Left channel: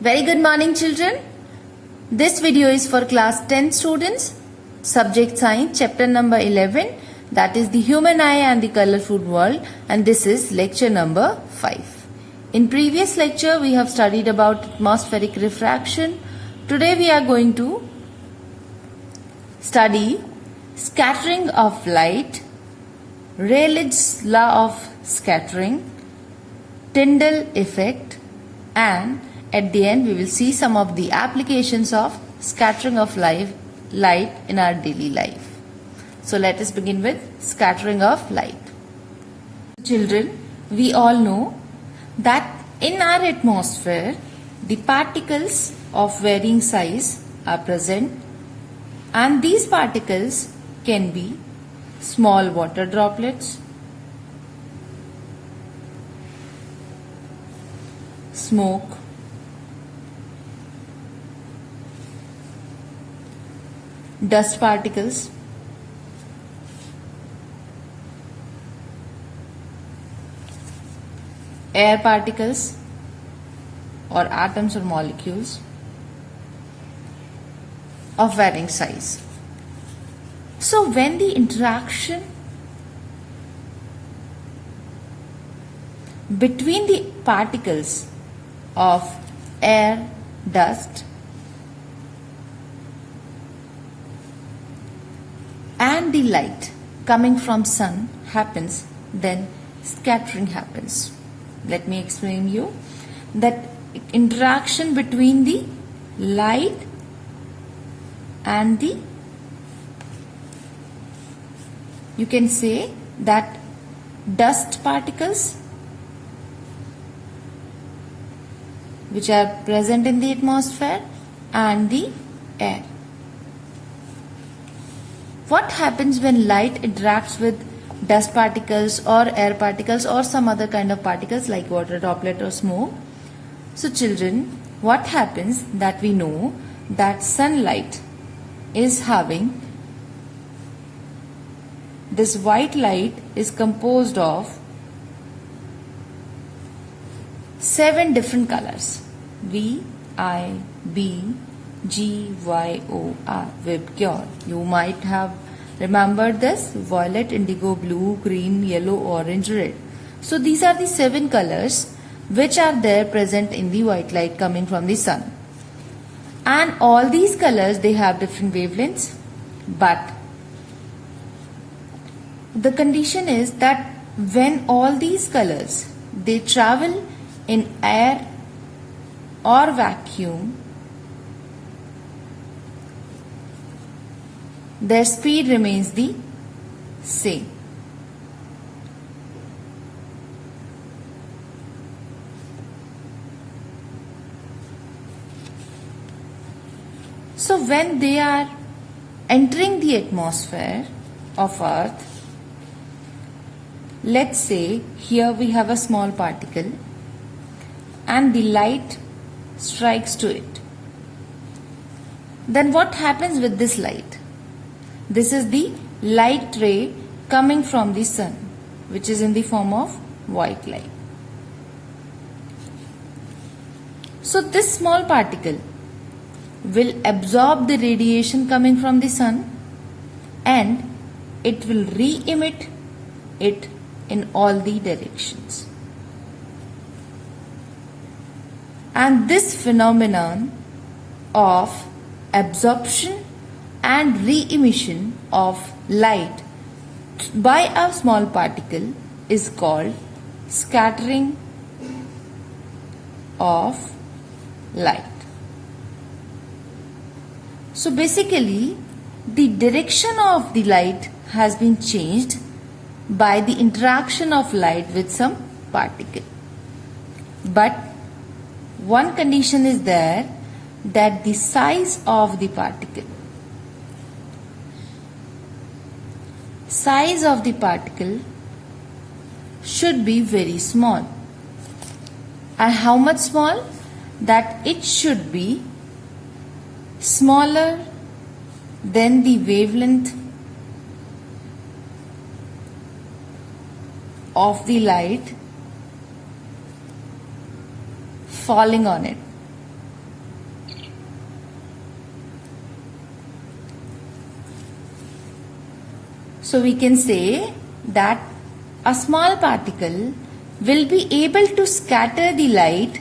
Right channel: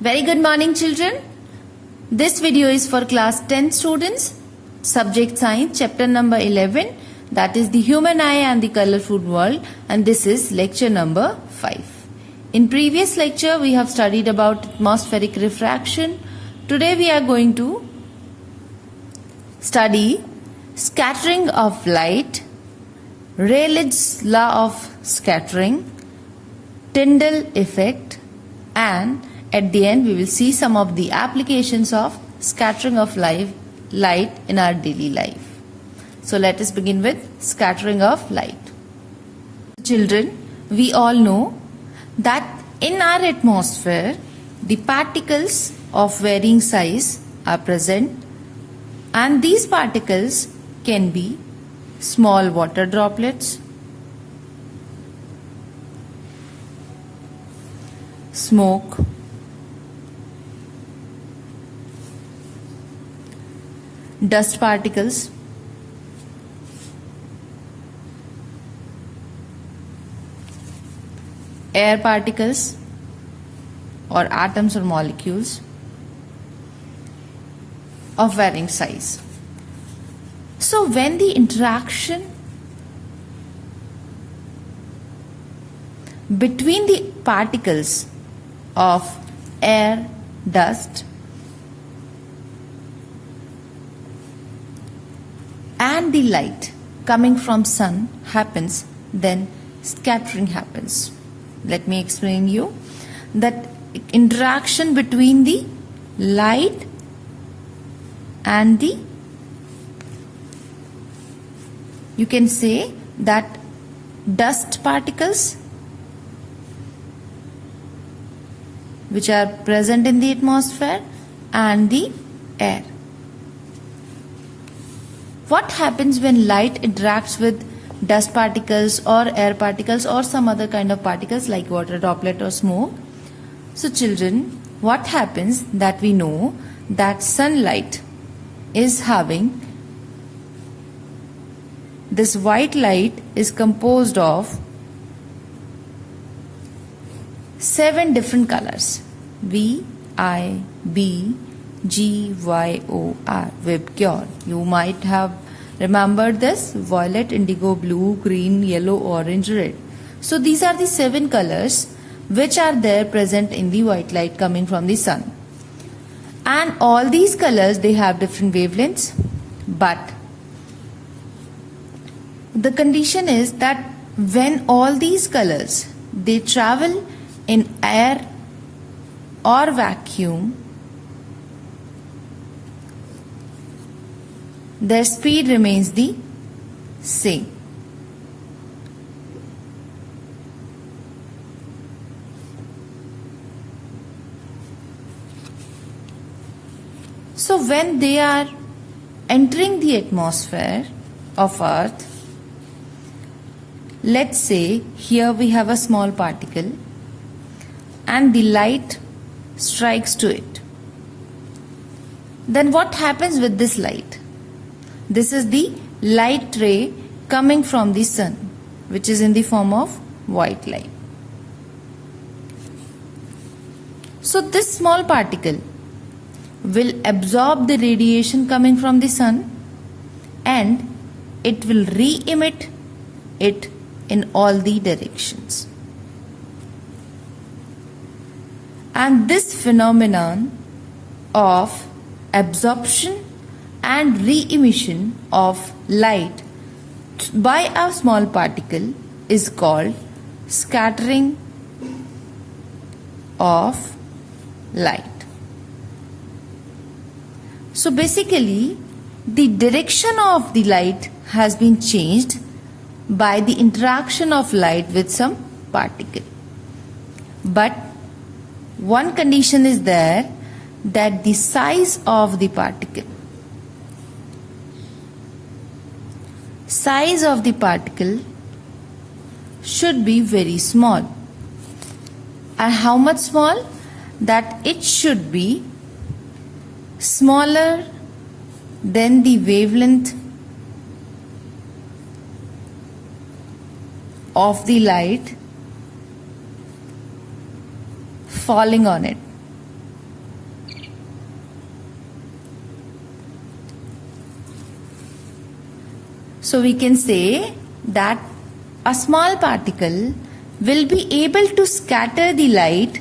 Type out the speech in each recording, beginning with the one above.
Very good morning, children. This video is for class 10 students, subject science, chapter number 11, that is the human eye and the colorful world, and this is lecture number 5. In previous lecture, we have studied about atmospheric refraction. Today we are going to study scattering of light, Rayleigh's law of scattering, Tyndall effect, and at the end we will see some of the applications of scattering of light in our daily life. So let us begin with scattering of light. Children, we all know that in our atmosphere the particles of varying size are present, and these particles can be small water droplets, smoke, dust particles, air particles or atoms or molecules of varying size. So when the interaction between the particles of air, dust and the light coming from sun happens, then scattering happens. Let me explain you that interaction between the light and the, you can say that dust particles which are present in the atmosphere and the air. What happens when light interacts with dust particles or air particles or some other kind of particles like water droplet or smoke? So children, what happens that we know that sunlight is having, this white light is composed of 7 different colors: V, I, B, G, Y, O, R, Vibgyor. You might have remembered this: violet, indigo, blue, green, yellow, orange, red. So these are the 7 colors which are there present in the white light coming from the sun. And all these colors, they have different wavelengths, but the condition is that when all these colors, they travel in air or vacuum, their speed remains the same. So when they are entering the atmosphere of Earth, let's say here we have a small particle and the light strikes to it. Then what happens with this light? This is the light ray coming from the sun, which is in the form of white light. So this small particle will absorb the radiation coming from the sun and it will re-emit it in all the directions. And this phenomenon of absorption and re-emission of light by a small particle is called scattering of light. So basically, the direction of the light has been changed by the interaction of light with some particle. But one condition is there, that the size of the particle, should be very small. And how much small? That it should be smaller than the wavelength of the light falling on it. So we can say that a small particle will be able to scatter the light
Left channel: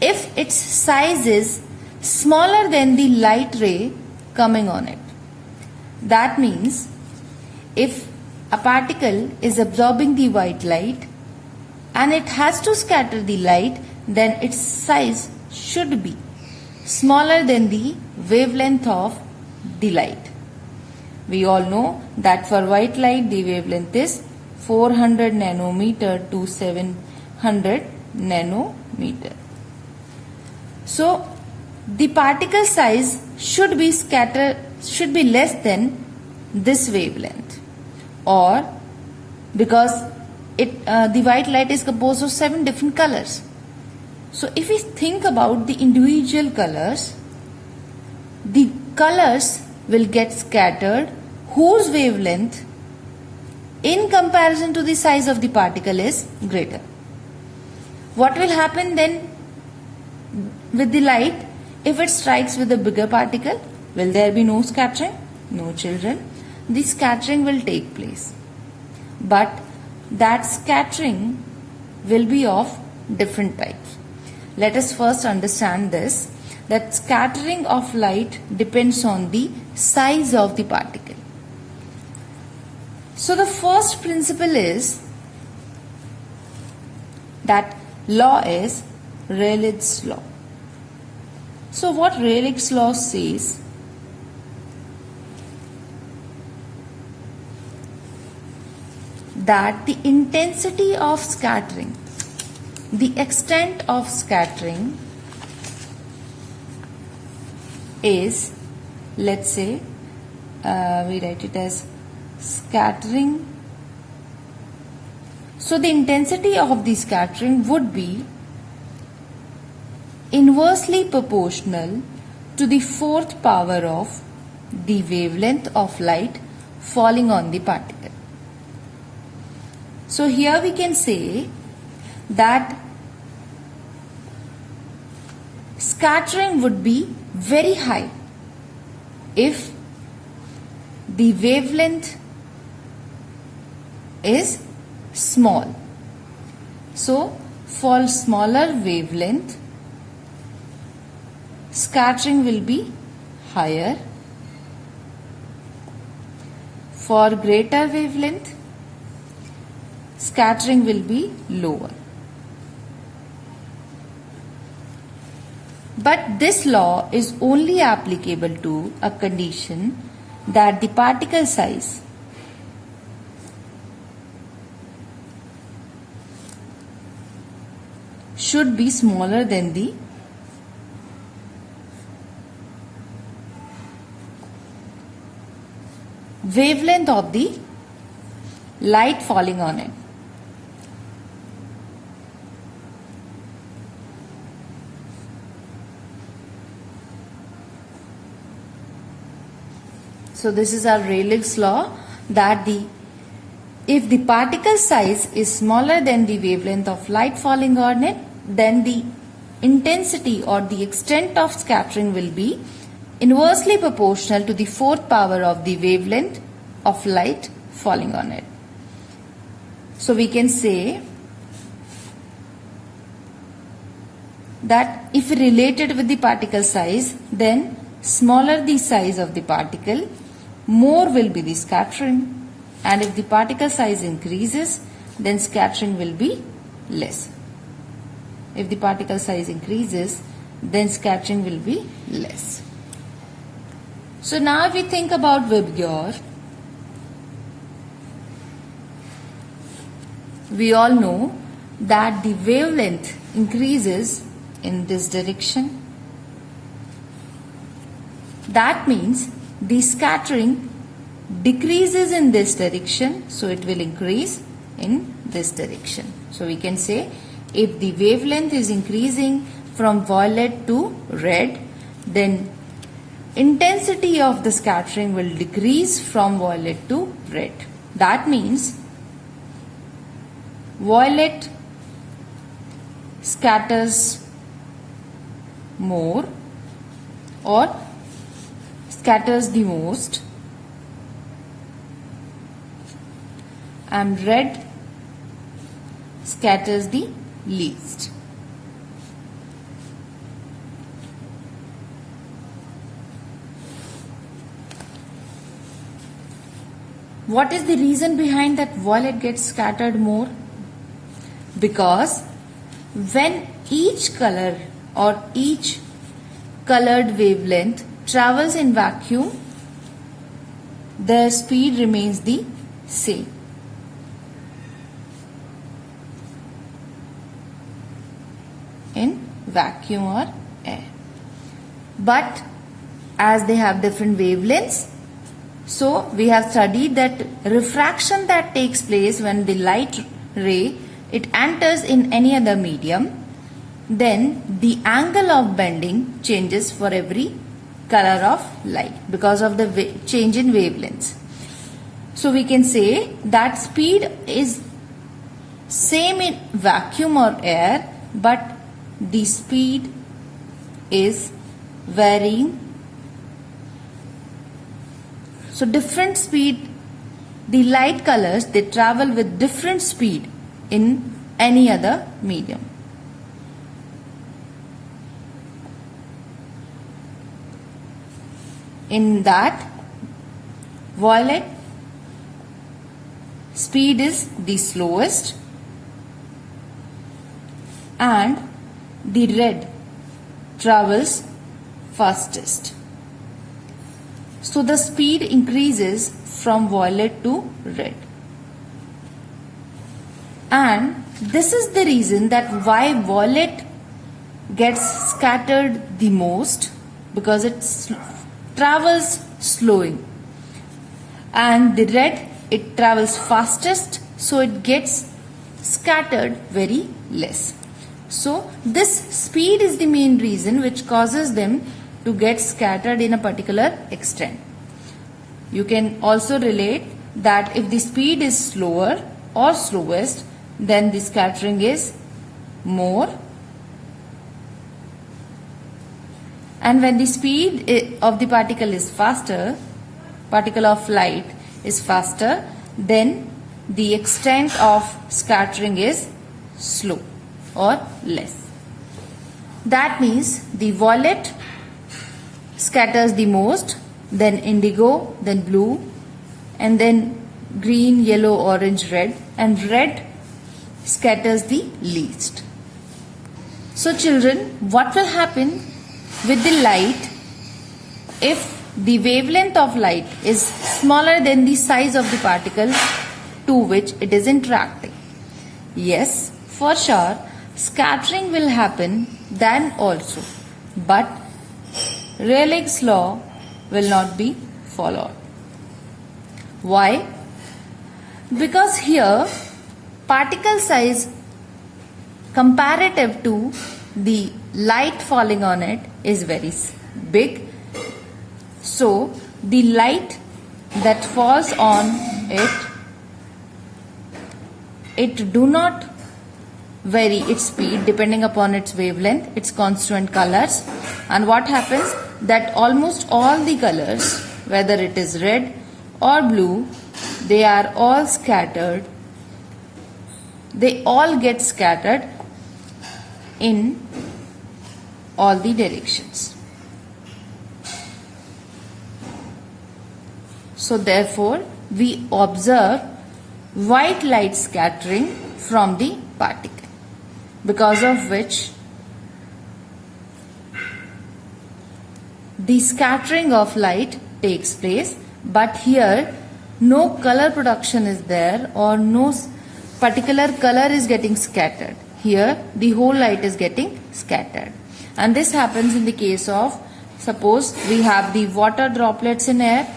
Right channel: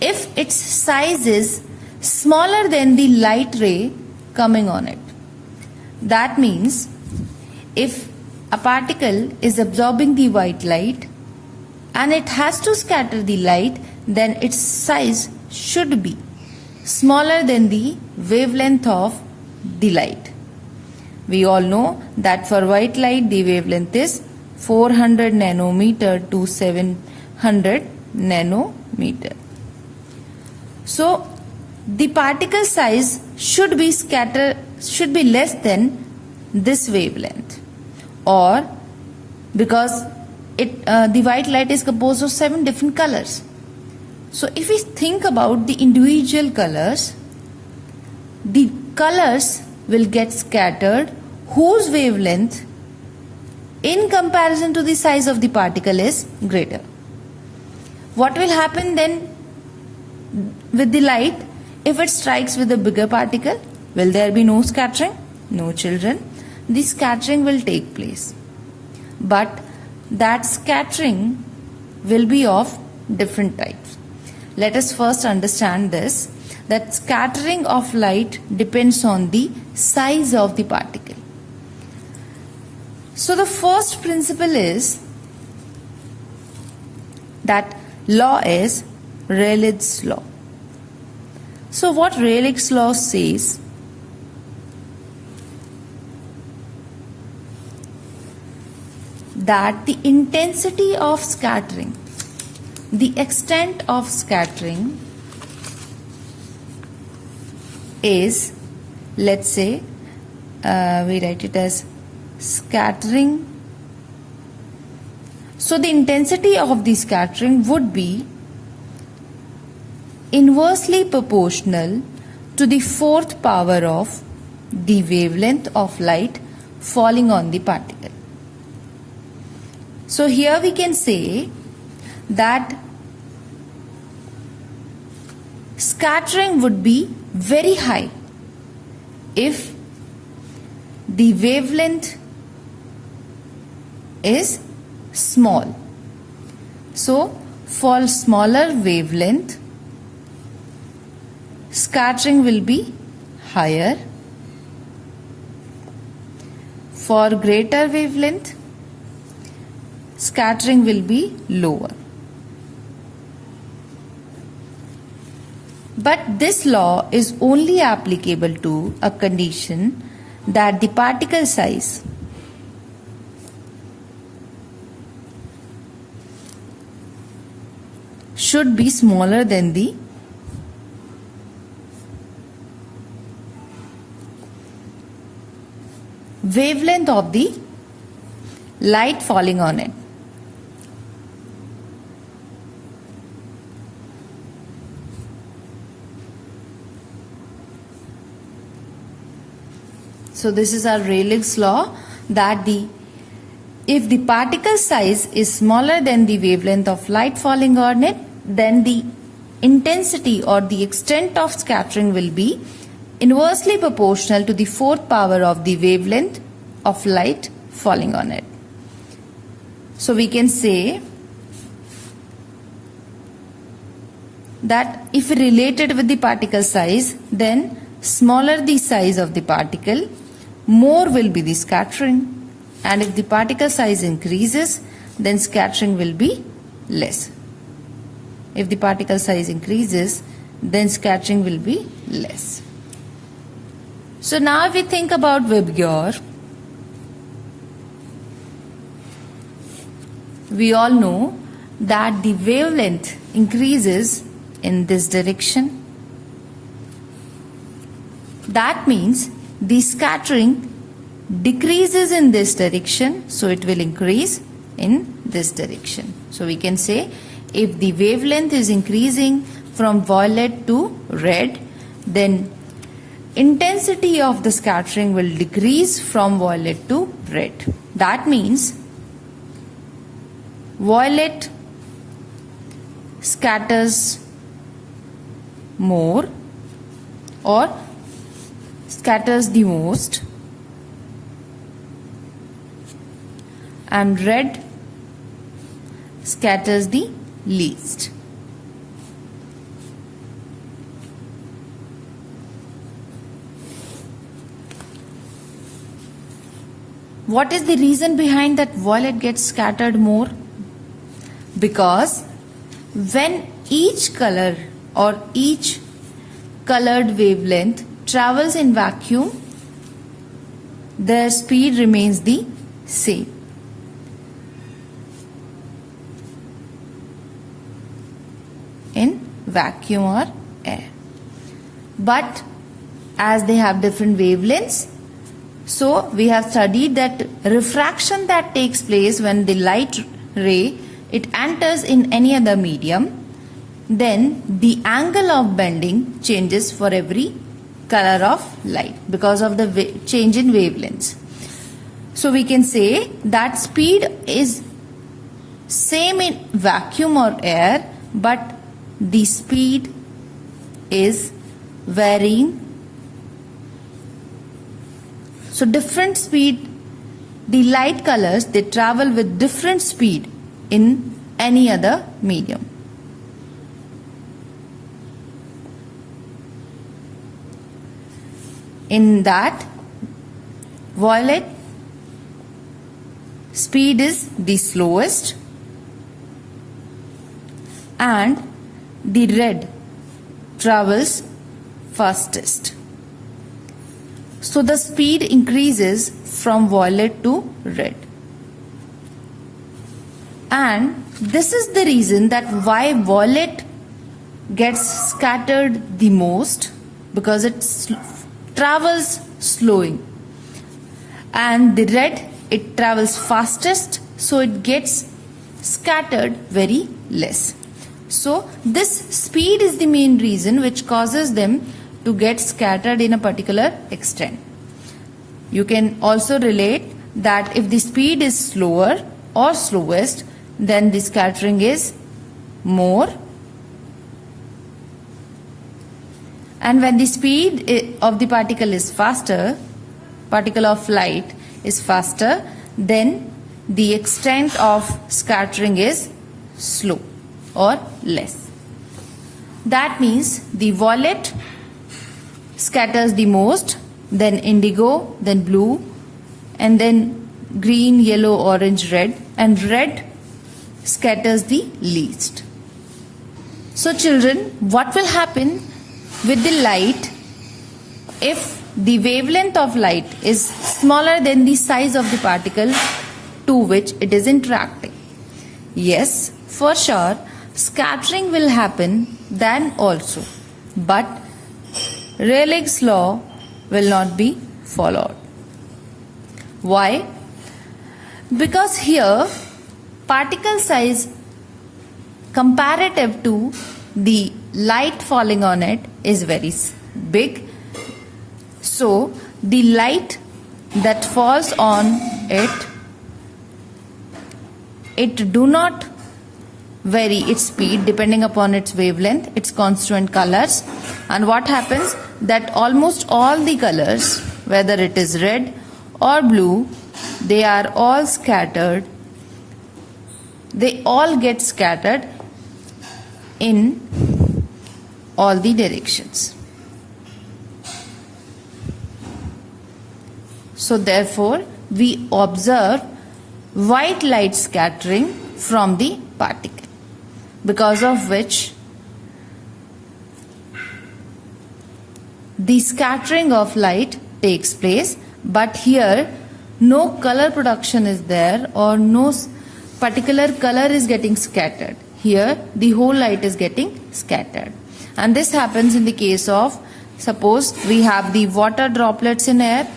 if its size is smaller than the light ray coming on it. That means if a particle is absorbing the white light and it has to scatter the light, then its size should be smaller than the wavelength of the light. We all know that for white light the wavelength is 400 nanometer to 700 nanometer. So the particle size should be less than this wavelength, or because the white light is composed of 7 different colors. So if we think about the individual colors, the colors will get scattered whose wavelength in comparison to the size of the particle is greater. What will happen then with the light if it strikes with a bigger particle? Will there be no scattering? No, children. The scattering will take place. But that scattering will be of different types. Let us first understand this, that scattering of light depends on the size of the particle. So the first principle is that law is Rayleigh's law. So what Rayleigh's law says, that the intensity of scattering, the extent of scattering is, let's say, we write it as scattering. So the intensity of the scattering would be inversely proportional to the 4th power of the wavelength of light falling on the particle. So here we can say that scattering would be very high if the wavelength is small. So for smaller wavelength, scattering will be higher. For greater wavelength, scattering will be lower. But this law is only applicable to a condition that the particle size should be smaller than the wavelength of the light falling on it. So this is our Rayleigh's law, that if the particle size is smaller than the wavelength of light falling on it, then the intensity or the extent of scattering will be inversely proportional to the 4th power of the wavelength of light falling on it. So we can say that if related with the particle size, then smaller the size of the particle, more will be the scattering, and if the particle size increases, then scattering will be less. If the particle size increases, then scattering will be less. So now if we think about Vibgyor, we all know that the wavelength increases in this direction. That means the scattering decreases in this direction, so it will increase in this direction. So we can say if the wavelength is increasing from violet to red, then intensity of the scattering will decrease from violet to red. That means violet scatters more or scatters the most, and red scatters the least. What is the reason behind that violet gets scattered more? Because when each color or each colored wavelength travels in vacuum, the speed remains the same. In vacuum or air. But as they have different wavelengths, so we have studied that refraction that takes place when the light ray it enters in any other medium, then the angle of bending changes for every color of light because of the change in wavelengths. So we can say that speed is same in vacuum or air, but the speed is varying. So different speed, the light colors, they travel with different speed in any other medium. In that, violet speed is the slowest and the red travels fastest. So the speed increases from violet to red. And this is the reason that why violet gets scattered the most, because it travels slowing. And the red, it travels fastest, so it gets scattered very less. So this speed is the main reason which causes them to get scattered in a particular extent. You can also relate that if the speed is slower or slowest, then the scattering is more. And when the speed of the particle is faster, particle of light is faster, then the extent of scattering is slow or less. That means the violet scatters the most, then indigo, then blue, and then green, yellow, orange, red, and red scatters the least. So children, what will happen with the light if the wavelength of light is smaller than the size of the particle to which it is interacting? Yes, for sure, scattering will happen then also, but Rayleigh's law will not be followed. Why? Because here particle size comparative to the light falling on it is very big. So the light that falls on it do not vary its speed depending upon its wavelength, its constituent colors. And what happens that almost all the colors, whether it is red or blue, they are all scattered. They all get scattered in all the directions. So therefore, we observe white light scattering from the particle, because of which the scattering of light takes place, but here no color production is there or no particular color is getting scattered. Here the whole light is getting scattered. And this happens in the case of, suppose we have the water droplets in air.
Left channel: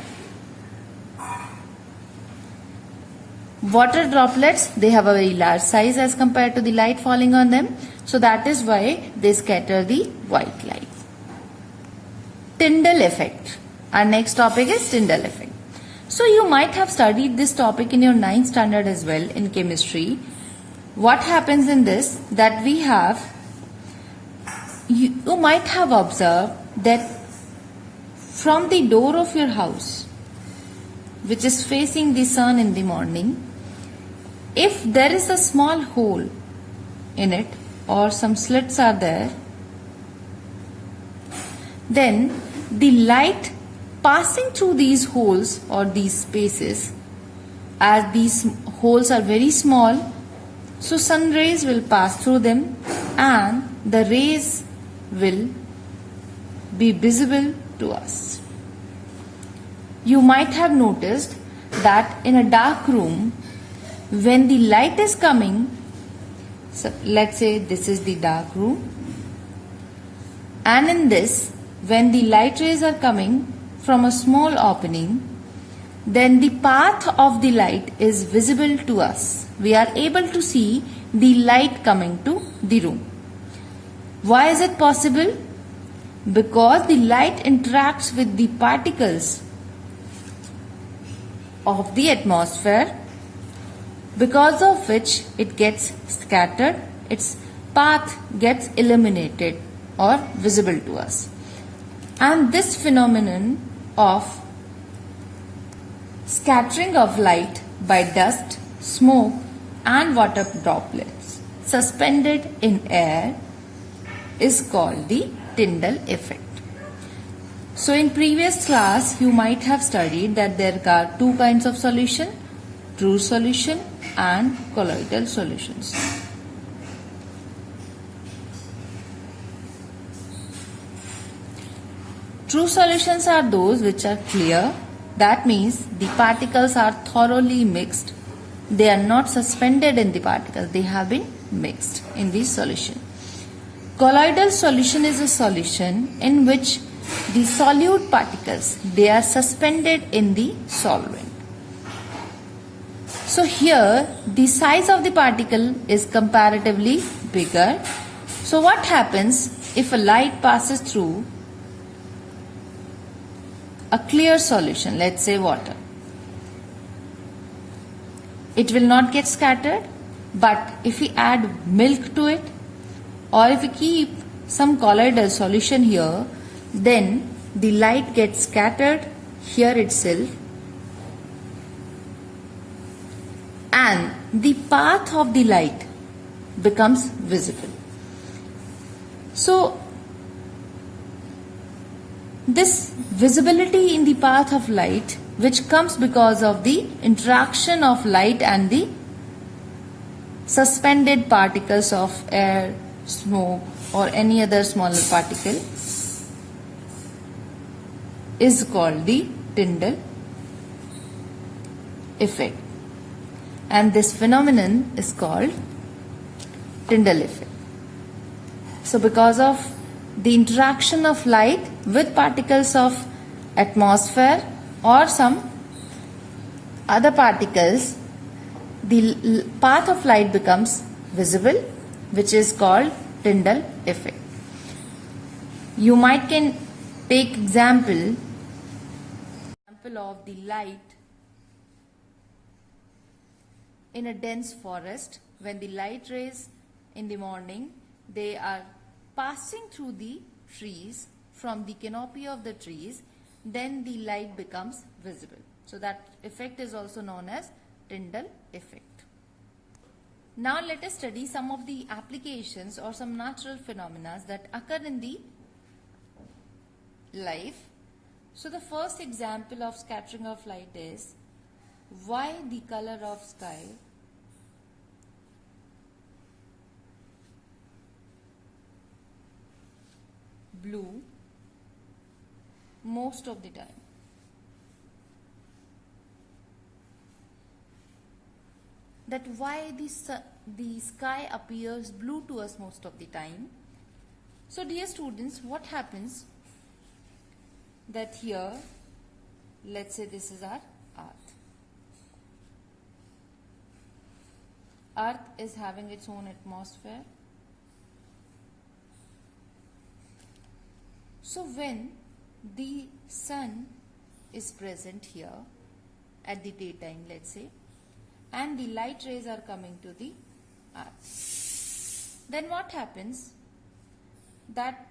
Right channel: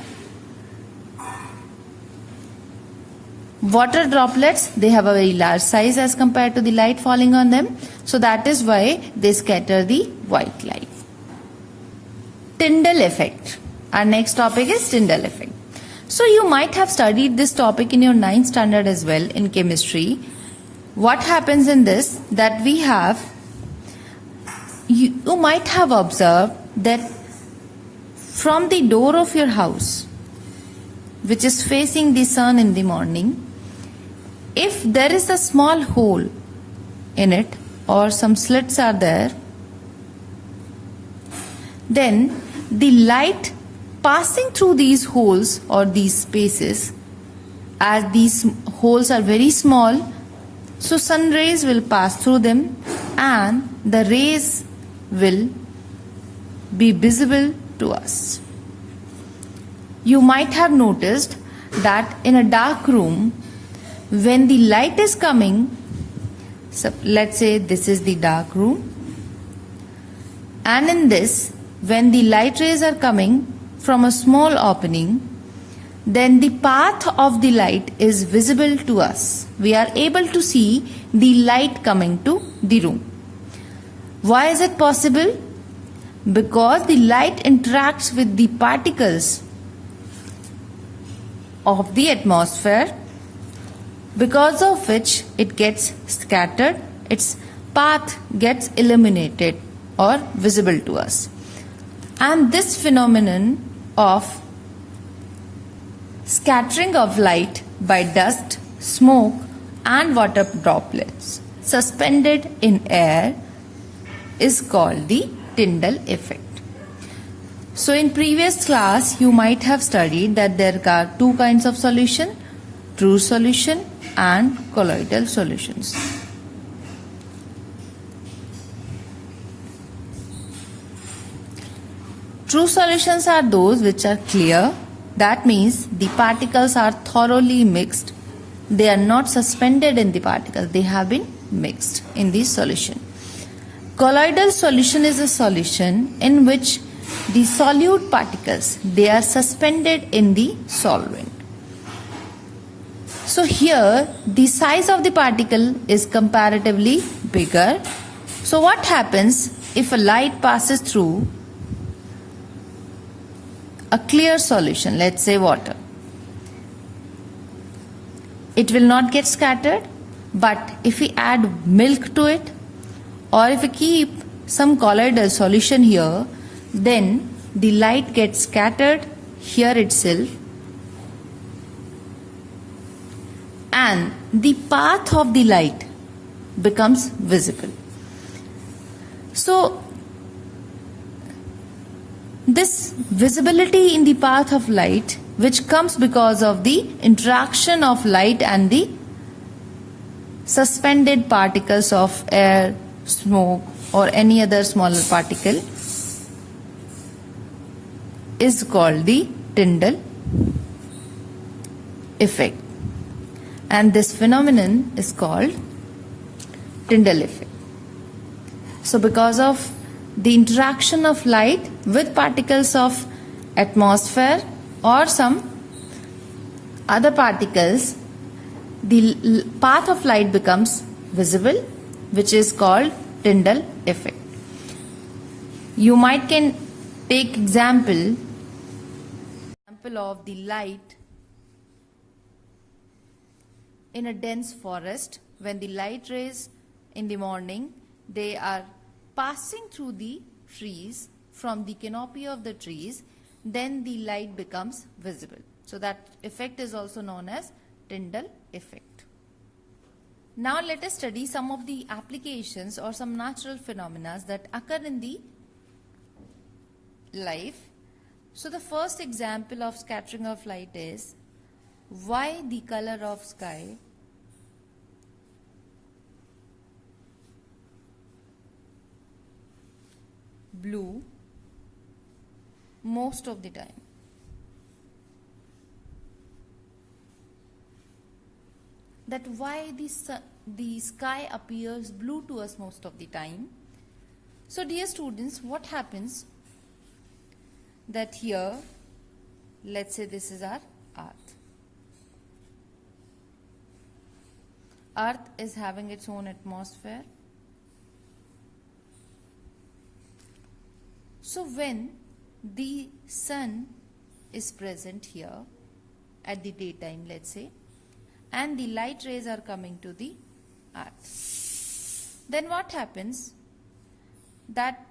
Water droplets, they have a very large size as compared to the light falling on them. So that is why they scatter the white light. Tyndall effect. Our next topic is Tyndall effect. So you might have studied this topic in your 9th standard as well in chemistry. What happens in this, that we have, you might have observed that from the door of your house, which is facing the sun in the morning, if there is a small hole in it or some slits are there, then the light passing through these holes or these spaces, as these holes are very small, so sun rays will pass through them and the rays will be visible to us. You might have noticed that in a dark room, when the light is coming, so let's say this is the dark room, and in this, when the light rays are coming from a small opening, then the path of the light is visible to us. We are able to see the light coming to the room. Why is it possible? Because the light interacts with the particles of the atmosphere, because of which it gets scattered, its path gets illuminated or visible to us. And this phenomenon of scattering of light by dust, smoke and water droplets suspended in air is called the Tyndall effect. So in previous class you might have studied that there are two kinds of solution, true solution and colloidal solutions. True solutions are those which are clear. That means the particles are thoroughly mixed. They are not suspended in the particles. They have been mixed in the solution. Colloidal solution is a solution in which the solute particles, they are suspended in the solvent. So here the size of the particle is comparatively bigger. So what happens if a light passes through a clear solution, let's say water? It will not get scattered, but if we add milk to it or if we keep some colloidal solution here, then the light gets scattered here itself and the path of the light becomes visible. So this visibility in the path of light, which comes because of the interaction of light and the suspended particles of air, smoke or any other smaller particle, is called the Tyndall effect. And this phenomenon is called Tyndall effect. So because of the interaction of light with particles of atmosphere or some other particles, the path of light becomes visible, which is called Tyndall effect. You might can take example of the light in a dense forest. When the light rays in the morning, they are passing through the trees from the canopy of the trees, then the light becomes visible. So that effect is also known as Tyndall effect. Now let us study some of the applications or some natural phenomena that occur in the life. So the first example of scattering of light is why the color of sky blue most of the time. That why the sky appears blue to us most of the time. So dear students, what happens that here, let's say this is our earth. Earth is having its own atmosphere. So when the sun is present here at the daytime, let's say, and the light rays are coming to the earth, then what happens? That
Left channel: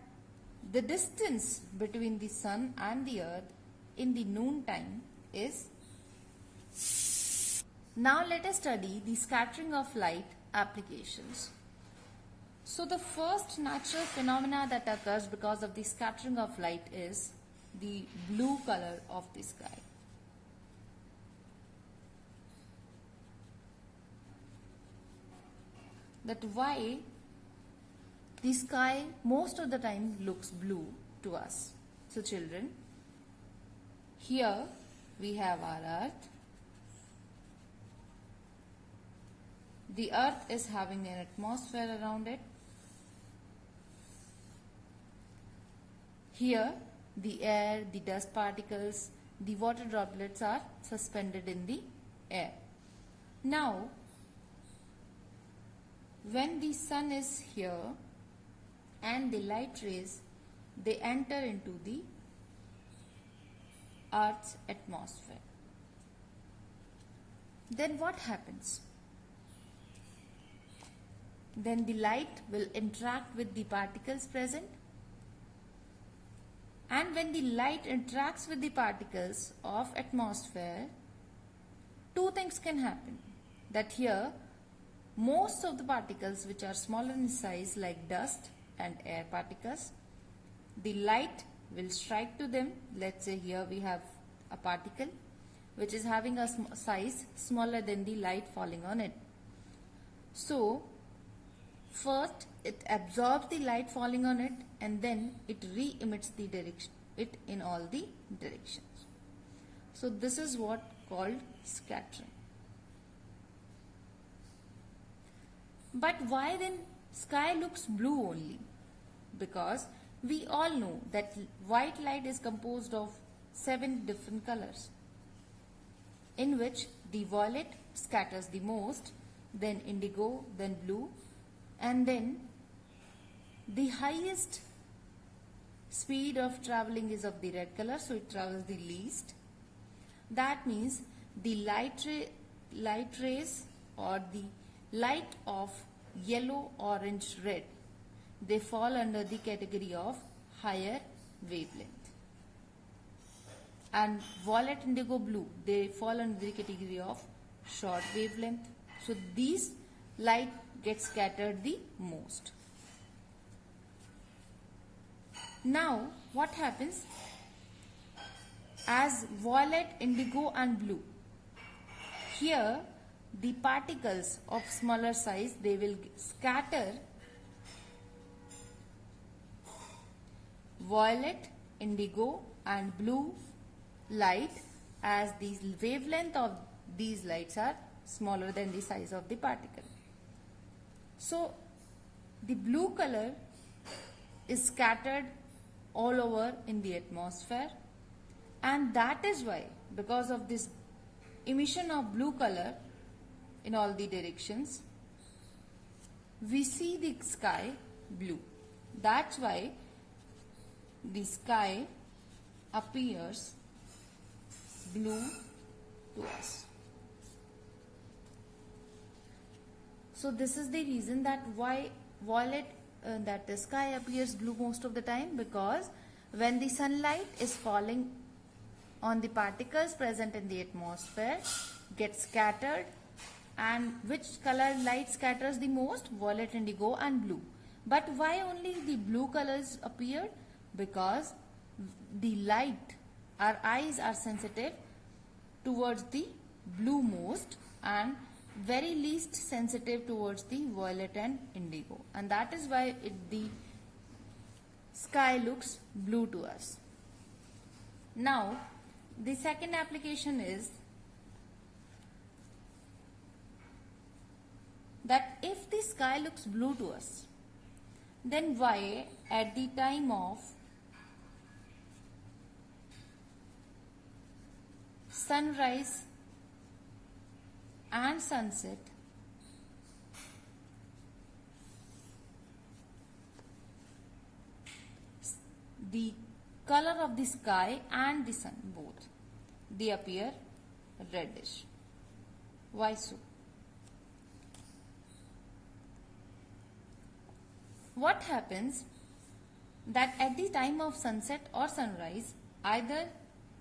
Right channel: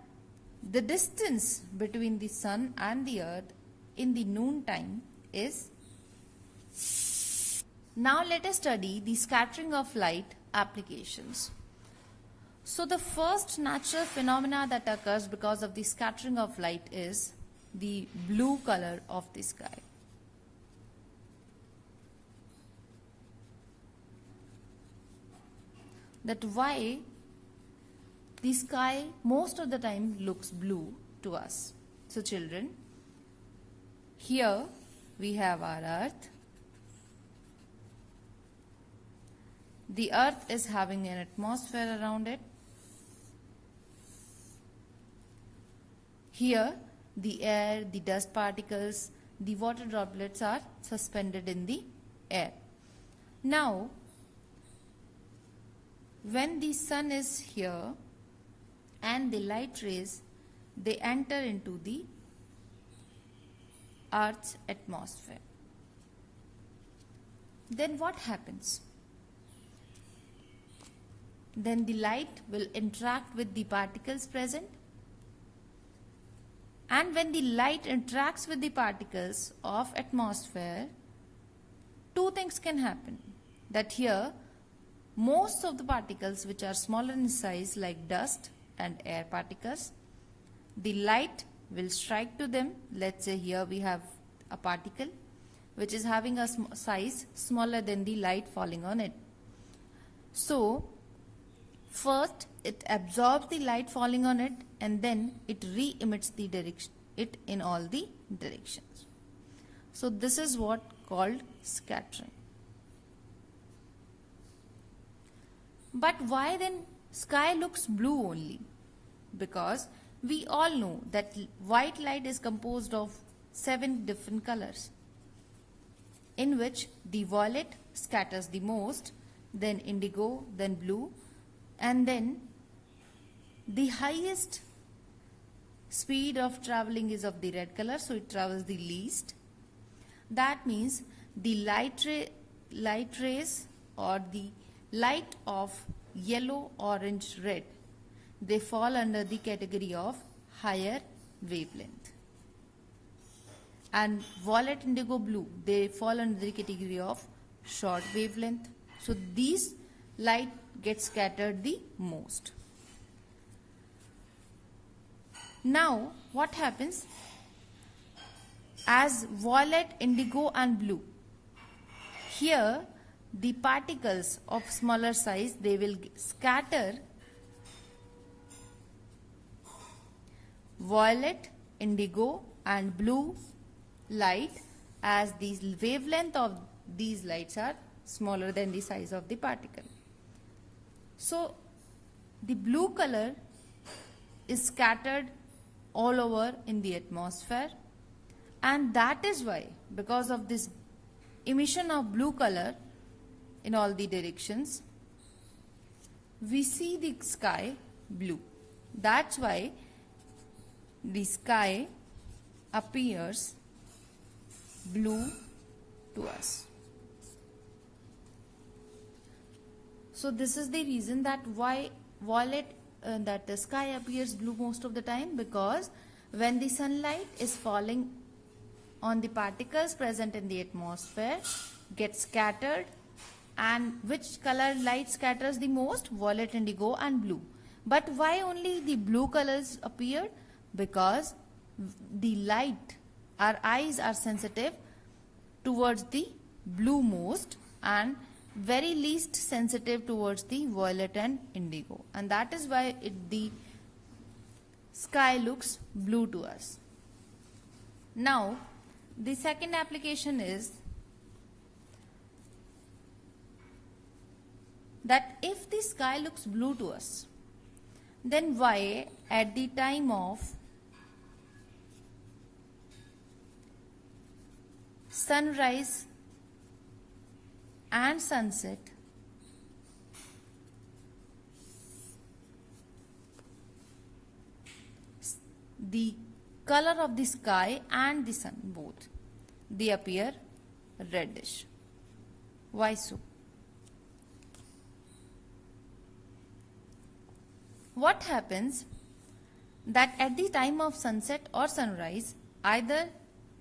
the distance between the sun and the earth in the noon time is Now let us study the scattering of light applications. So the first natural phenomena that occurs because of the scattering of light is the blue color of the sky. That why the sky most of the time looks blue to us. So children, here we have our earth. The earth is having an atmosphere around it. Here the air, the dust particles, the water droplets are suspended in the air. Now when the sun is here and the light rays, they enter into the earth's atmosphere. Then what happens? Then the light will interact with the particles present, and when the light interacts with the particles of atmosphere, two things can happen. That here most of the particles which are smaller in size like dust and air particles, the light will strike to them. Let's say here we have a particle which is having a size smaller than the light falling on it. So first it absorbs the light falling on it and then it re-emits the direction it in all the directions. So this is what called scattering. But why then sky looks blue only? Because we all know that white light is composed of 7 different colors, in which the violet scatters the most, then indigo, then blue, and then the highest speed of traveling is of the red color, so it travels the least. That means the light rays or the light of yellow, orange, red, they fall under the category of higher wavelength. And violet, indigo, blue, they fall under the category of short wavelength. So these light get scattered the most. Now what happens? As violet, indigo and blue, here the particles of smaller size, they will scatter violet, indigo and blue light, as the wavelength of these lights are smaller than the size of the particle. So the blue color is scattered all over in the atmosphere, and that is why, because of this emission of blue color in all the directions, we see the sky blue. That's why the sky appears blue to us. So this is the reason that why that the sky appears blue most of the time, because when the sunlight is falling on the particles present in the atmosphere, gets scattered, and which color light scatters the most? Violet, indigo and blue. But why only the blue colors appeared? Because the light, our eyes are sensitive towards the blue most and very least sensitive towards the violet and indigo, and that is why the sky looks blue to us. Now the second application is that if the sky looks blue to us, then why at the time of sunrise and sunset, the color of the sky and the sun both, they appear reddish? Why so? What happens that at the time of sunset or sunrise, either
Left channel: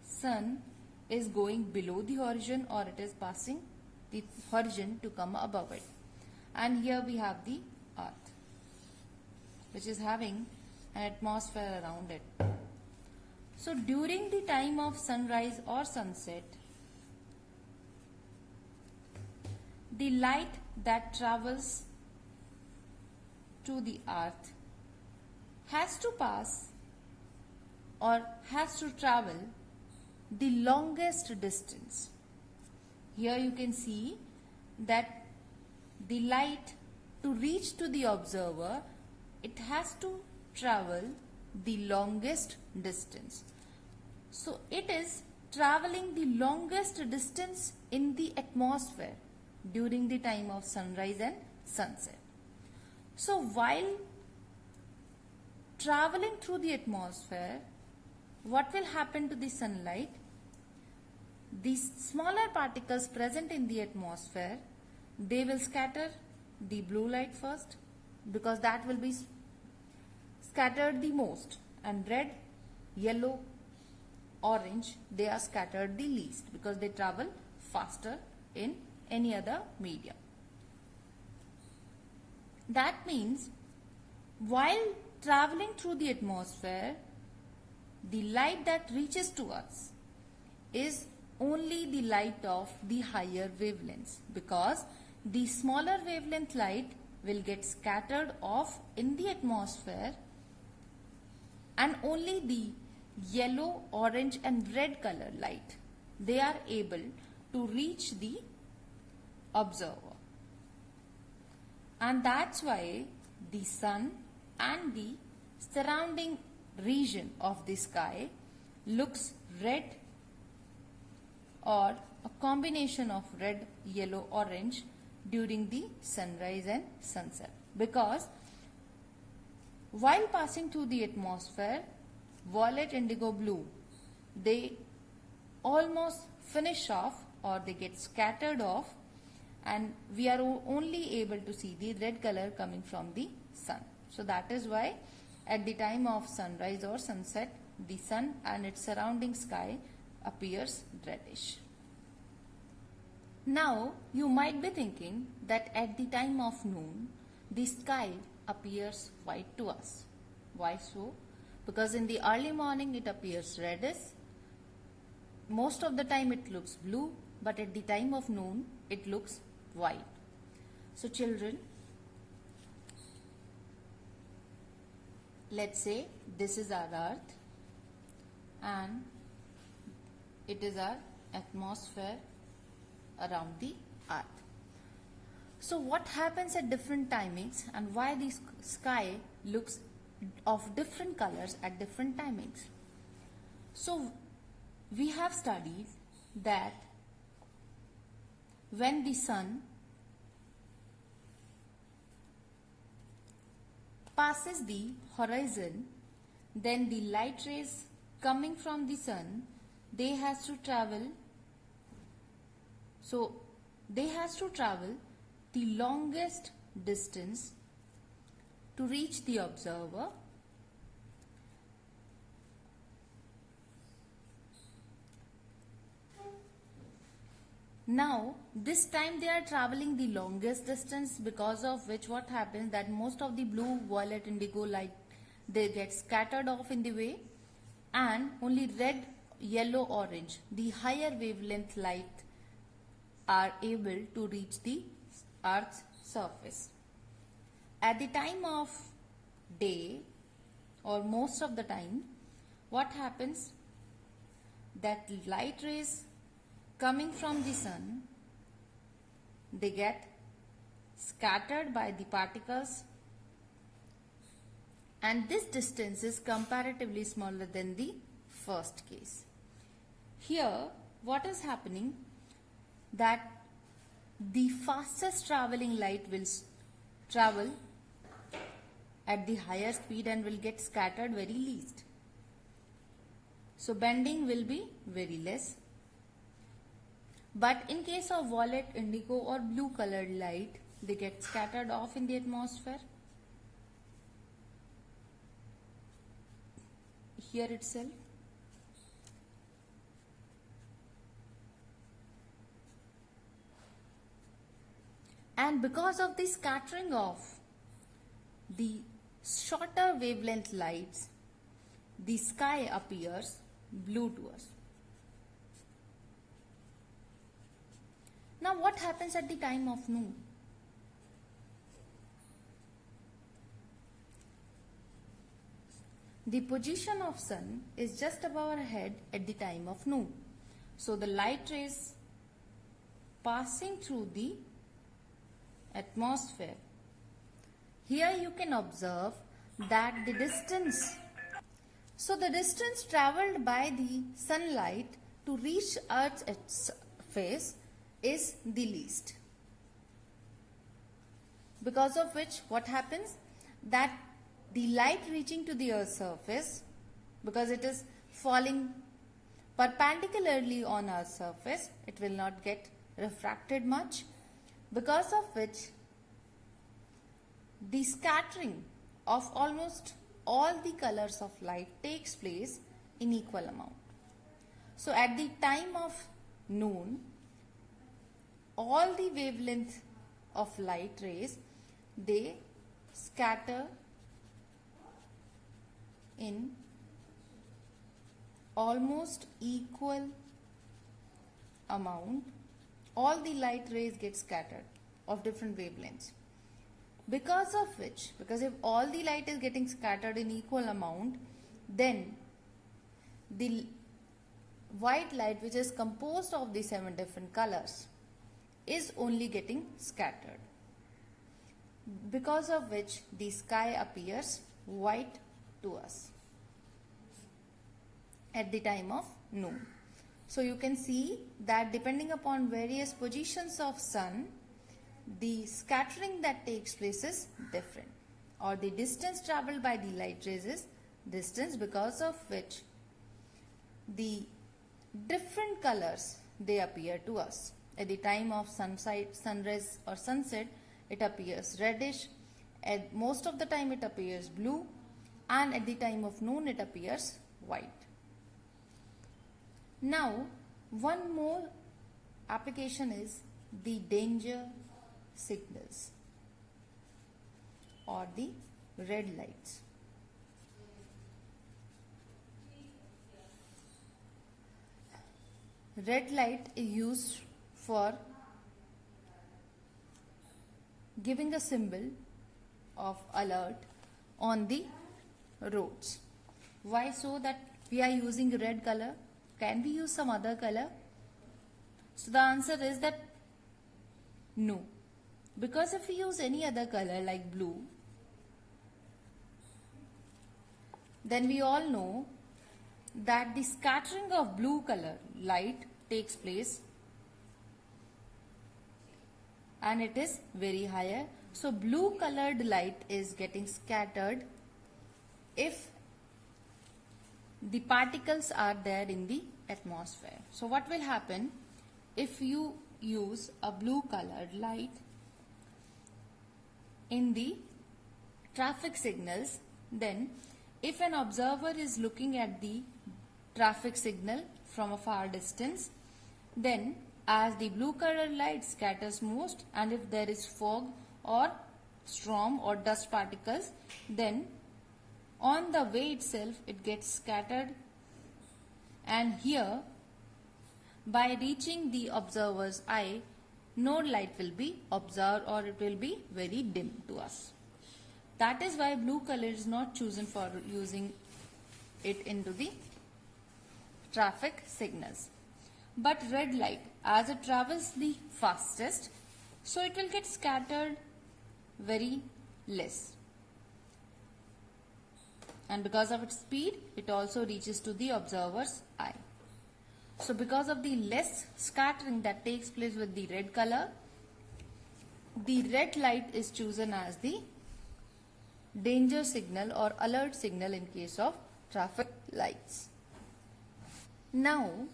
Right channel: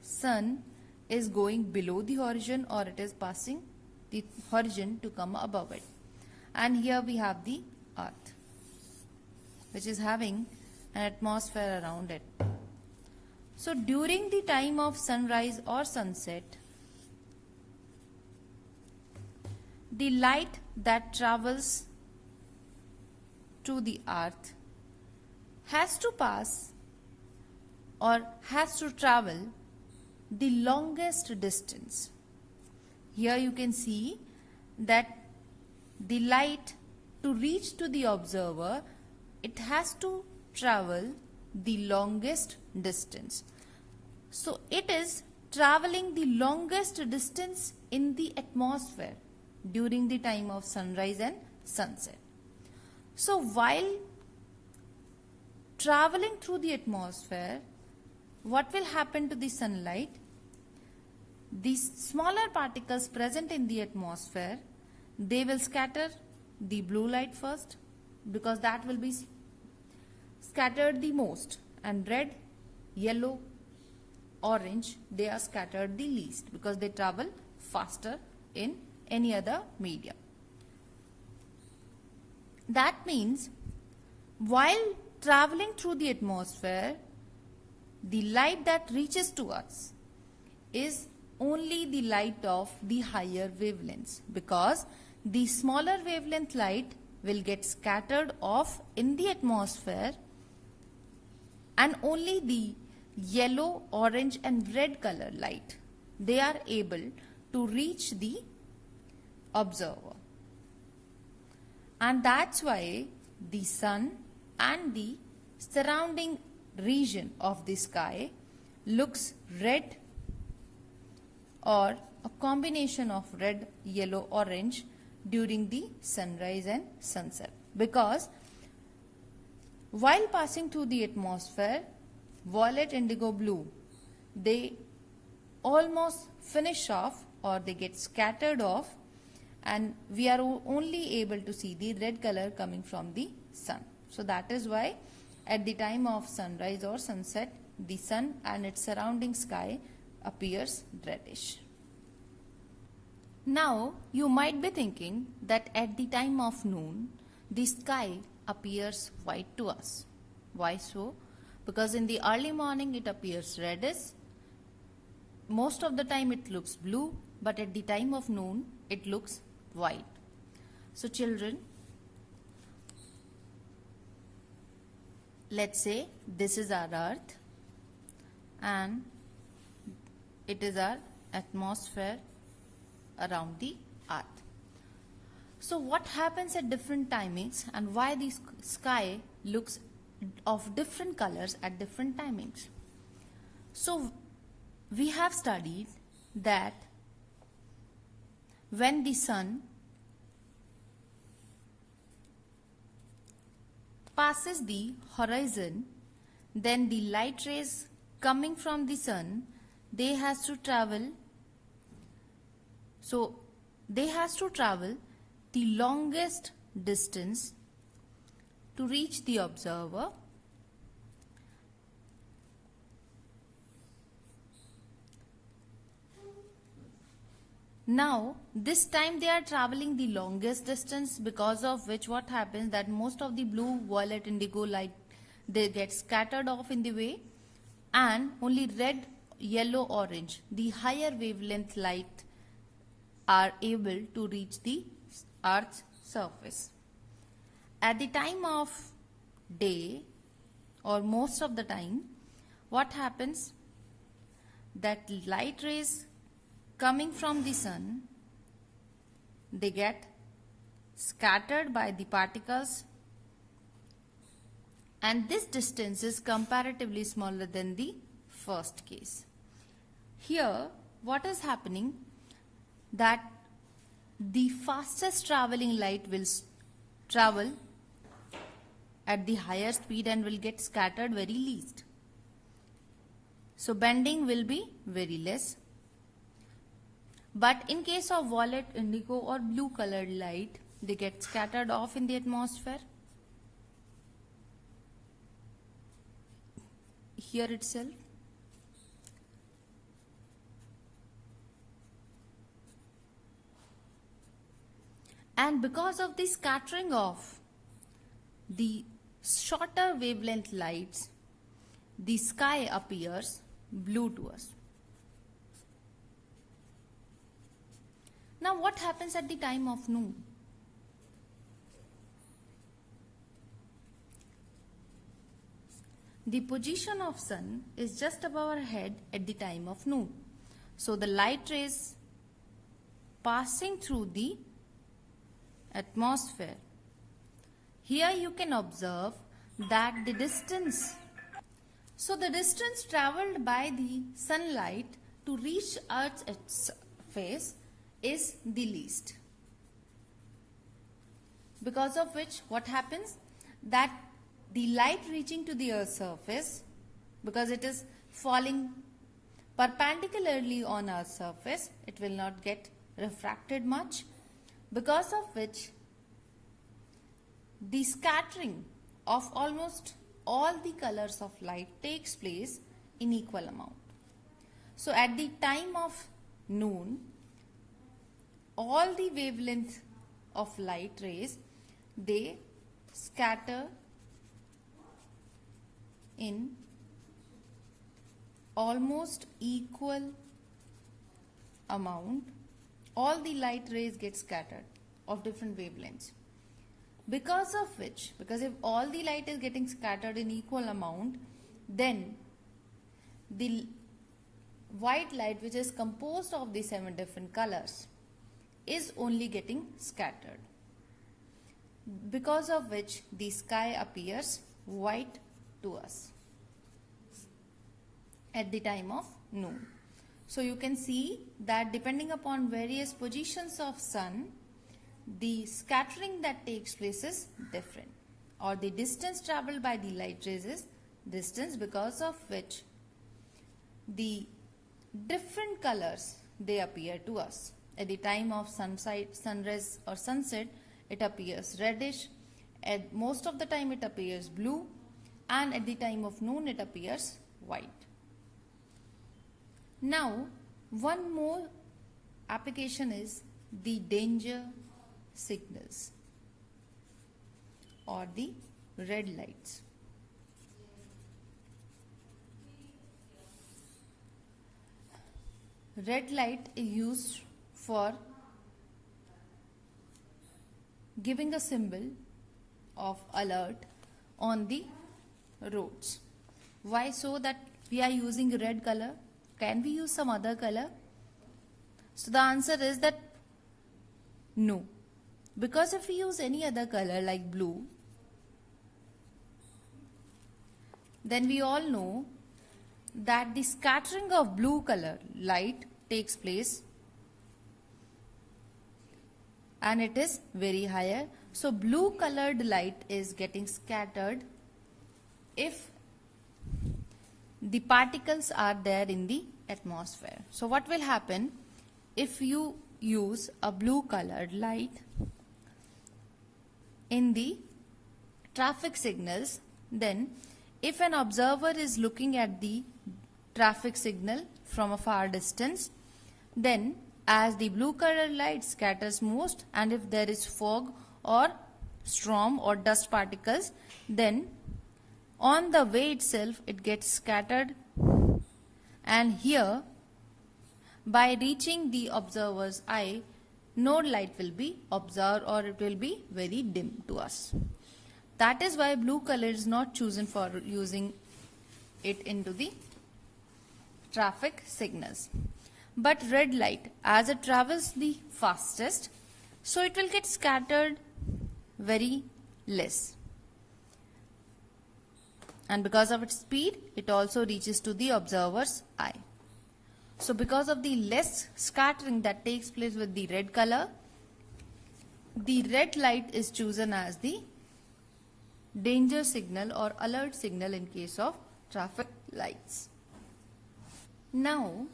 sun is going below the horizon or it is passing the horizon to come above it. And here we have the Earth, which is having an atmosphere around it. So during the time of sunrise or sunset, the light that travels to the Earth has to pass or has to travel the longest distance. Here you can see that the light, to reach to the observer, it has to travel the longest distance. So it is traveling the longest distance in the atmosphere during the time of sunrise and sunset. So while traveling through the atmosphere, what will happen to the sunlight? These smaller particles present in the atmosphere, they will scatter the blue light first, because that will be scattered the most, and red, yellow, orange, they are scattered the least because they travel faster in any other medium. That means while traveling through the atmosphere, the light that reaches to us is only the light of the higher wavelengths, because the smaller wavelength light will get scattered off in the atmosphere, and only the yellow, orange and red color light, they are able to reach the observer. And that's why the sun and the surrounding region of the sky looks red, or a combination of red, yellow, orange during the sunrise and sunset, because while passing through the atmosphere, violet, indigo, blue, they almost finish off or they get scattered off, and we are only able to see the red color coming from the sun. So that is why at the time of sunrise or sunset, the sun and its surrounding sky appears reddish. Now you might be thinking that at the time of noon, the sky appears white to us. Why so? Because in the early morning it appears reddish. Most of the time it looks blue, but at the time of noon it looks white. So children, let's say this is our Earth and it is our atmosphere around the Earth. So what happens at different timings and why the sky looks of different colors at different timings? So we have studied that when the sun passes the horizon, then the light rays coming from the sun, they has to travel the longest distance to reach the observer. Now this time they are traveling the longest distance, because of which what happens that most of the blue, violet, indigo light, they get scattered off in the way, and only red, yellow, orange, the higher wavelength light, are able to reach the Earth's surface. At the time of day, or most of the time, what happens that light rays coming from the sun, they get scattered by the particles, and this distance is comparatively smaller than the first case. Here what is happening, that the fastest traveling light will travel at the higher speed and will get scattered very least. So bending will be very less. But in case of violet, indigo or blue colored light, they get scattered off in the atmosphere. Here itself. because of the scattering of the shorter wavelength lights, the sky appears blue to us. Now what happens at the time of noon? The position of sun is just above our head at the time of noon. So the light rays passing through the atmosphere. Here you can observe that the distance travelled by the sunlight to reach Earth's surface is the least. Because of which what happens? That the light reaching to the Earth's surface, because it is falling perpendicularly on Earth's surface, it will not get refracted much, because of which the scattering of almost all the colors of light takes place in equal amount. So at the time of noon, all the wavelength of light rays, they scatter in almost equal amount. All the light rays get scattered of different wavelengths. Because of which, because if all the light is getting scattered in equal amount, then the white light, which is composed of the 7 different colors, is only getting scattered. Because of which the sky appears white to us at the time of noon. So you can see that depending upon various positions of sun, the scattering that takes place is different, or the distance travelled by the light rays is distance, because of which the different colors they appear to us. At the time of sunrise or sunset, it appears reddish. At most of the time it appears blue, and at the time of noon it appears white. Now one more application is the danger signals or the red lights. Red light is used for giving a symbol of alert on the roads. Why so that we are using red color? Can we use some other color? So the answer is that no. Because if we use any other color like blue, then we all know that the scattering of blue color light takes place and it is very higher. So blue colored light is getting scattered if the particles are there in the atmosphere. So what will happen if you use a blue colored light in the traffic signals? Then if an observer is looking at the traffic signal from a far distance, then as the blue colored light scatters most, and if there is fog or storm or dust particles, then on the way itself it gets scattered, and here by reaching the observer's eye, no light will be observed, or it will be very dim to us. That is why blue color is not chosen for using it into the traffic signals. But red light, as it travels the fastest, so it will get scattered very less. And because of its speed, it also reaches to the observer's eye. So because of the less scattering that takes place with the red color, the red light is chosen as the danger signal or alert signal in case of traffic lights. Now,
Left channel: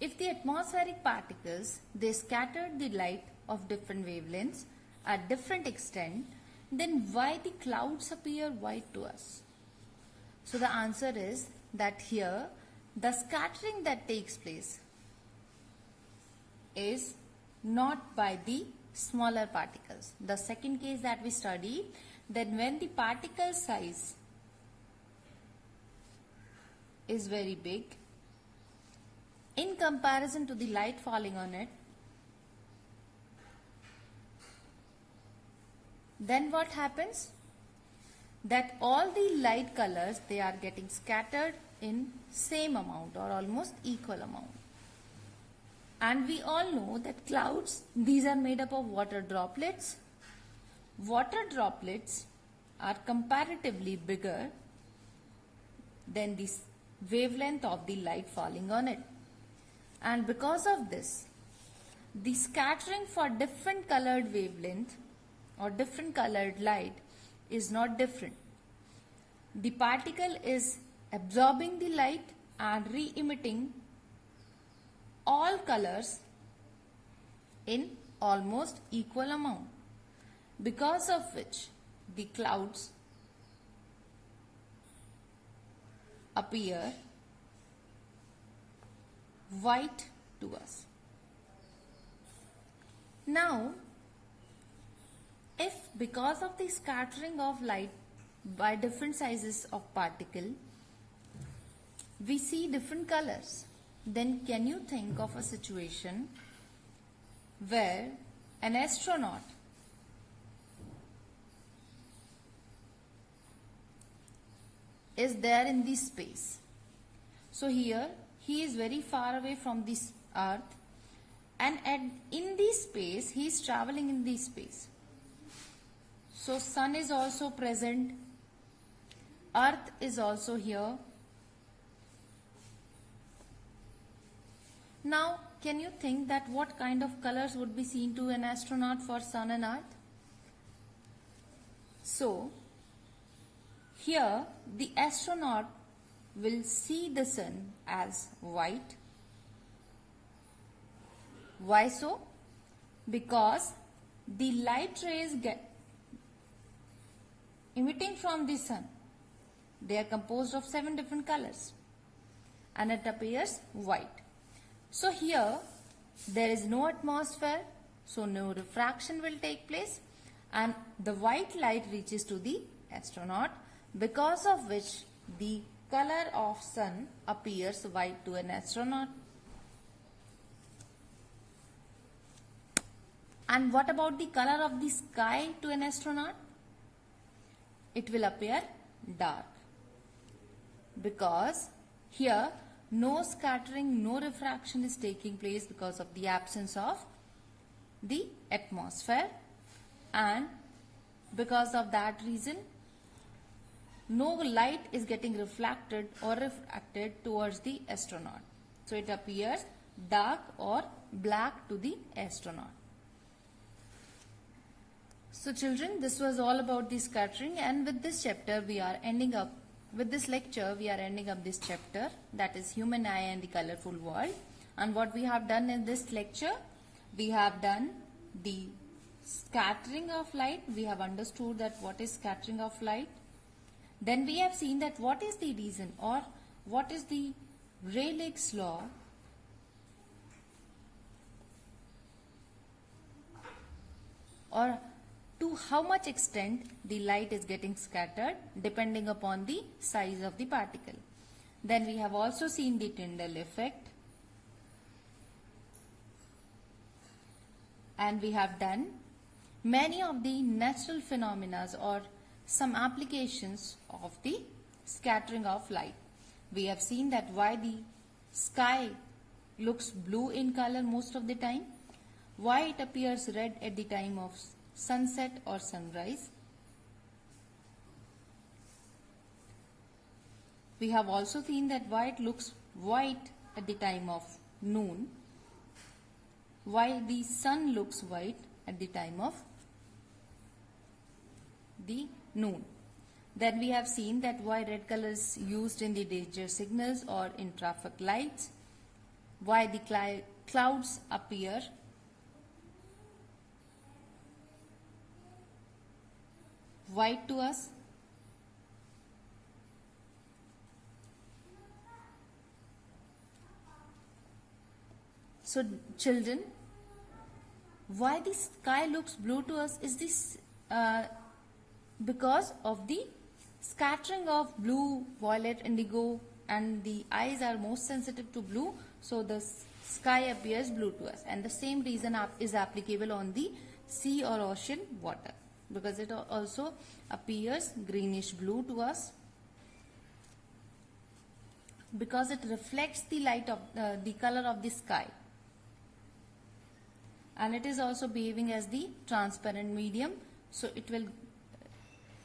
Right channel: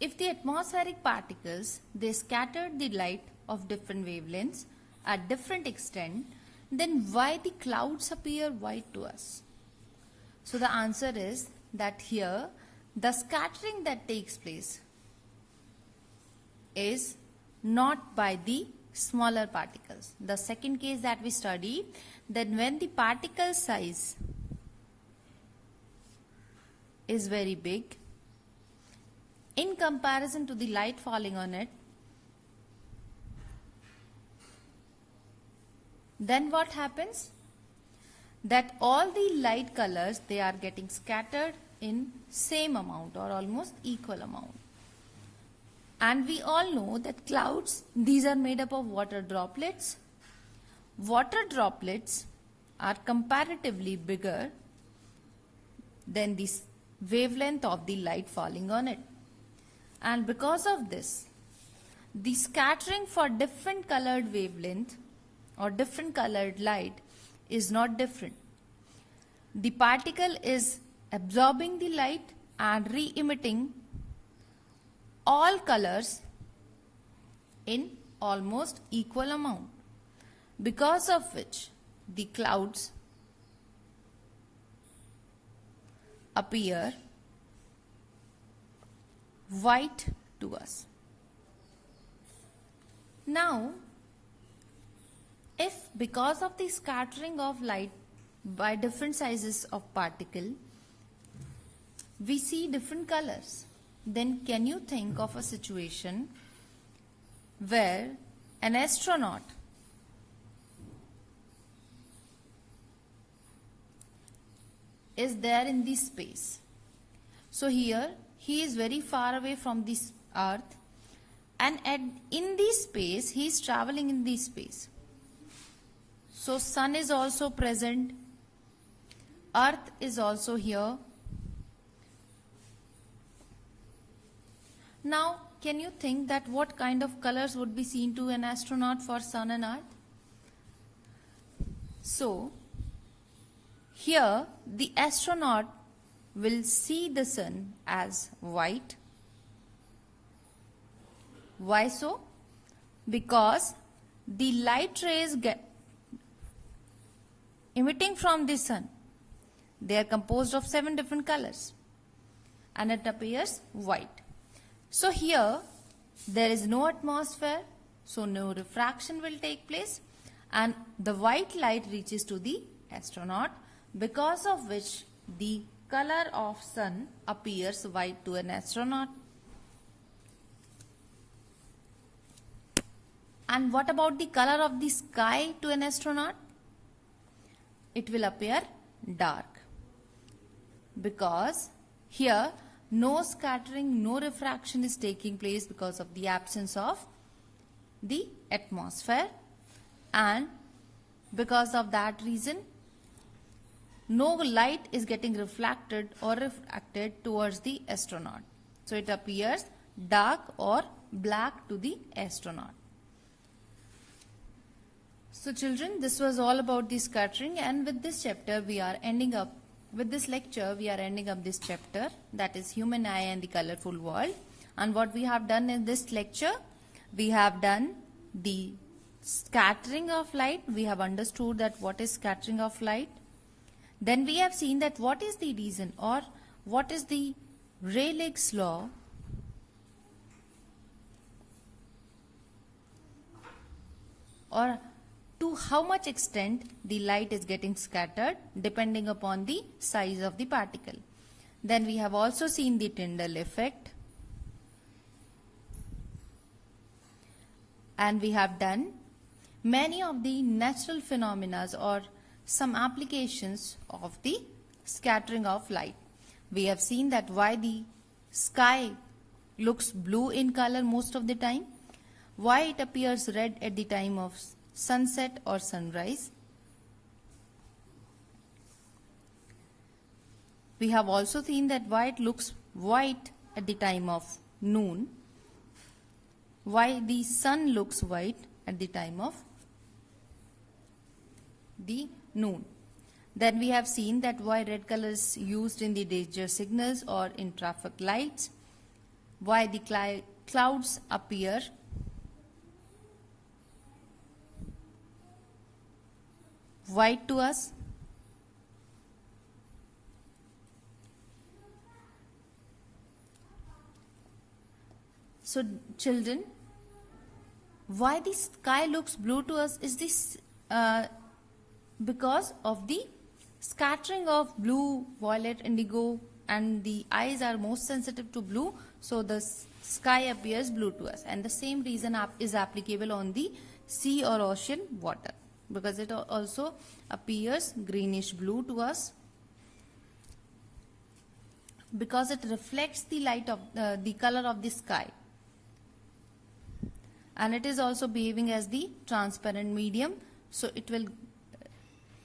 if the atmospheric particles, they scattered the light of different wavelengths at different extent, then why the clouds appear white to us? So the answer is that here the scattering that takes place is not by the smaller particles. The second case that we studied, that when the particle size is very big in comparison to the light falling on it, then what happens? That all the light colors, they are getting scattered in same amount or almost equal amount. And we all know that clouds, these are made up of water droplets. Water droplets are comparatively bigger than the wavelength of the light falling on it. And because of this, the scattering for different colored wavelength or different colored light is not different. The particle is absorbing the light and re-emitting all colors in almost equal amount, because of which the clouds appear white to us. Now, if because of the scattering of light by different sizes of particle, we see different colors, then can you think of a situation where an astronaut is there in the space? So here he is very far away from this earth, and in this space he is traveling in this space. So sun is also present, earth is also here. Now can you think that what kind of colors would be seen to an astronaut for sun and earth? So here the astronaut will see the sun as white. Why so? Because the light rays emitting from the sun, they are composed of 7 different colors and it appears white. So here there is no atmosphere, so no refraction will take place, and the white light reaches to the astronaut, because of which the color of sun appears white to an astronaut. And what about the color of the sky to an astronaut? It will appear dark, because here no scattering, no refraction is taking place because of the absence of the atmosphere, and because of that reason no light is getting reflected or refracted towards the astronaut. So it appears dark or black to the astronaut. So children, this was all about the scattering, and with this chapter we are ending up, with this lecture we are ending up this chapter, that is human eye and the colorful world. And what we have done in this lecture, we have done the scattering of light. We have understood that what is scattering of light. Then we have seen that what is the reason or what is the Rayleigh's law or to how much extent the light is getting scattered depending upon the size of the particle. Then we have also seen the Tyndall effect, and we have done many of the natural phenomena or some applications of the scattering of light. We have seen that why the sky looks blue in color most of the time, why it appears red at the time of sunset or sunrise. We have also seen that why it looks white at the time of noon, why the sun looks white at the time of the noon. Then we have seen that why red color is used in the danger signals or in traffic lights, why the clouds appear white to us. So children, Why the sky looks blue to us is this because of the scattering of blue, violet, indigo, and the eyes are most sensitive to blue, so the sky appears blue to us. And the same reason is applicable on the sea or ocean water, because it also appears greenish blue to us, because it reflects the light of the color of the sky, and it is also behaving as the transparent medium, so it will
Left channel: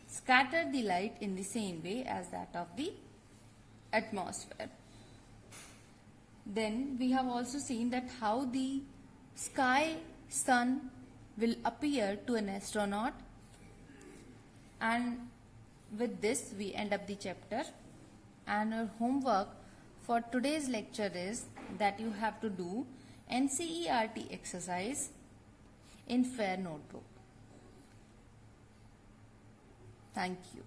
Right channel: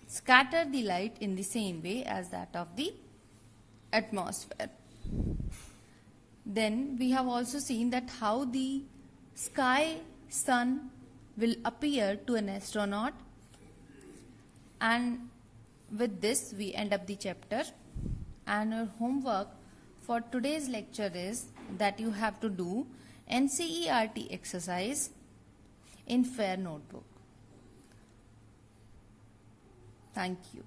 scatter the light in the same way as that of the atmosphere. Then we have also seen that how the sky sun will appear to an astronaut, and with this we end up the chapter. And our homework for today's lecture is that you have to do NCERT exercise in Fair Notebook. Thank you.